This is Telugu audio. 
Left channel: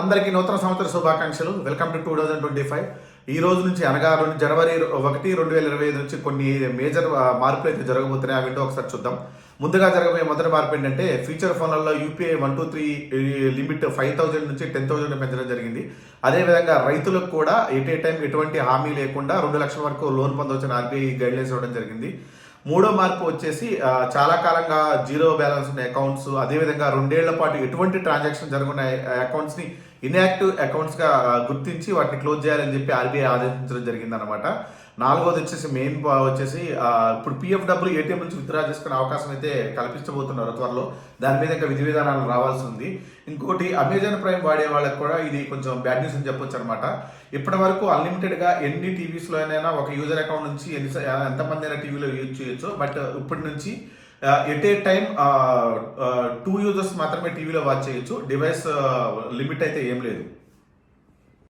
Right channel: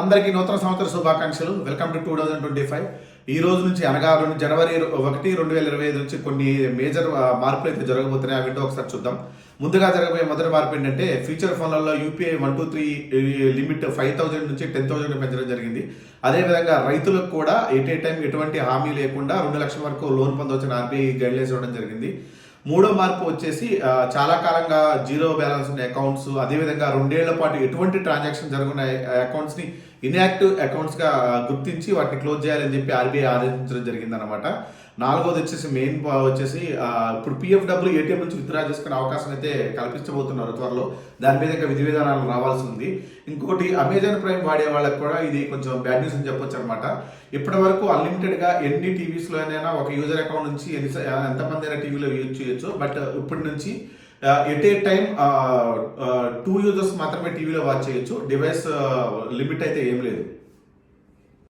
అందరికీ నూతన సంవత్సర శుభాకాంక్షలు. Welcome to 2025. ఈ రోజు నుంచి అనగా జనవరి 1, 2025 నుంచి కొన్ని మేజర్ మార్పులు అయితే జరగబోతున్నాయి. ఆ విండో ఒకసారి చూద్దాం. ముందుగా జరగబోయే మొదటి మార్పు ఏంటంటే ఫీచర్ ఫోన్లలో యూపీఐ 123 లిమిట్ 5,000 నుంచి 10,000 పెంచడం జరిగింది. అదేవిధంగా రైతులకు కూడా టైం ఎటువంటి హామీ లేకుండా 2 లక్షల వరకు లోన్ పొందవచ్చని ఆర్బీఐ గైడ్లైన్స్ ఇవ్వడం జరిగింది. మూడో మార్పు వచ్చేసి చాలా కాలంగా జీరో బ్యాలెన్స్ ఉన్న అకౌంట్స్, అదేవిధంగా 2 ఏళ్ల పాటు ఎటువంటి ట్రాన్సాక్షన్ జరుగున్న అకౌంట్స్ ని ఇన్యాక్టివ్ అకౌంట్స్ గా గుర్తించి వాటిని క్లోజ్ చేయాలని చెప్పి ఆర్బీఐ ఆదేశించడం జరిగింది అనమాట. నాలుగోది వచ్చేసి మెయిన్ వచ్చేసి ఇప్పుడు పిఎఫ్ డబ్బులు ఏటీఎం నుంచి విత్డ్రా చేసుకునే అవకాశం అయితే కల్పించబోతున్నారు త్వరలో. దాని మీద ఇంకా విధి విధానాలు రావాల్సి ఉంది. ఇంకోటి అమెజాన్ ప్రైమ్ వాడే వాళ్ళకి కూడా ఇది కొంచెం బ్యాడ్ న్యూస్ అని చెప్పొచ్చు అనమాట. ఇప్పటి వరకు అన్లిమిటెడ్ గా ఎన్ని టీవీస్ లోనైనా ఒక యూజర్ అకౌంట్ నుంచి ఎంతమంది అయినా టీవీలో యూజ్ చేయొచ్చు. బట్ ఇప్పటి నుంచి టైం 2 యూజర్స్ మాత్రమే టీవీలో వాచ్ చేయొచ్చు. డివైస్ లిమిట్ అయితే ఏం లేదు.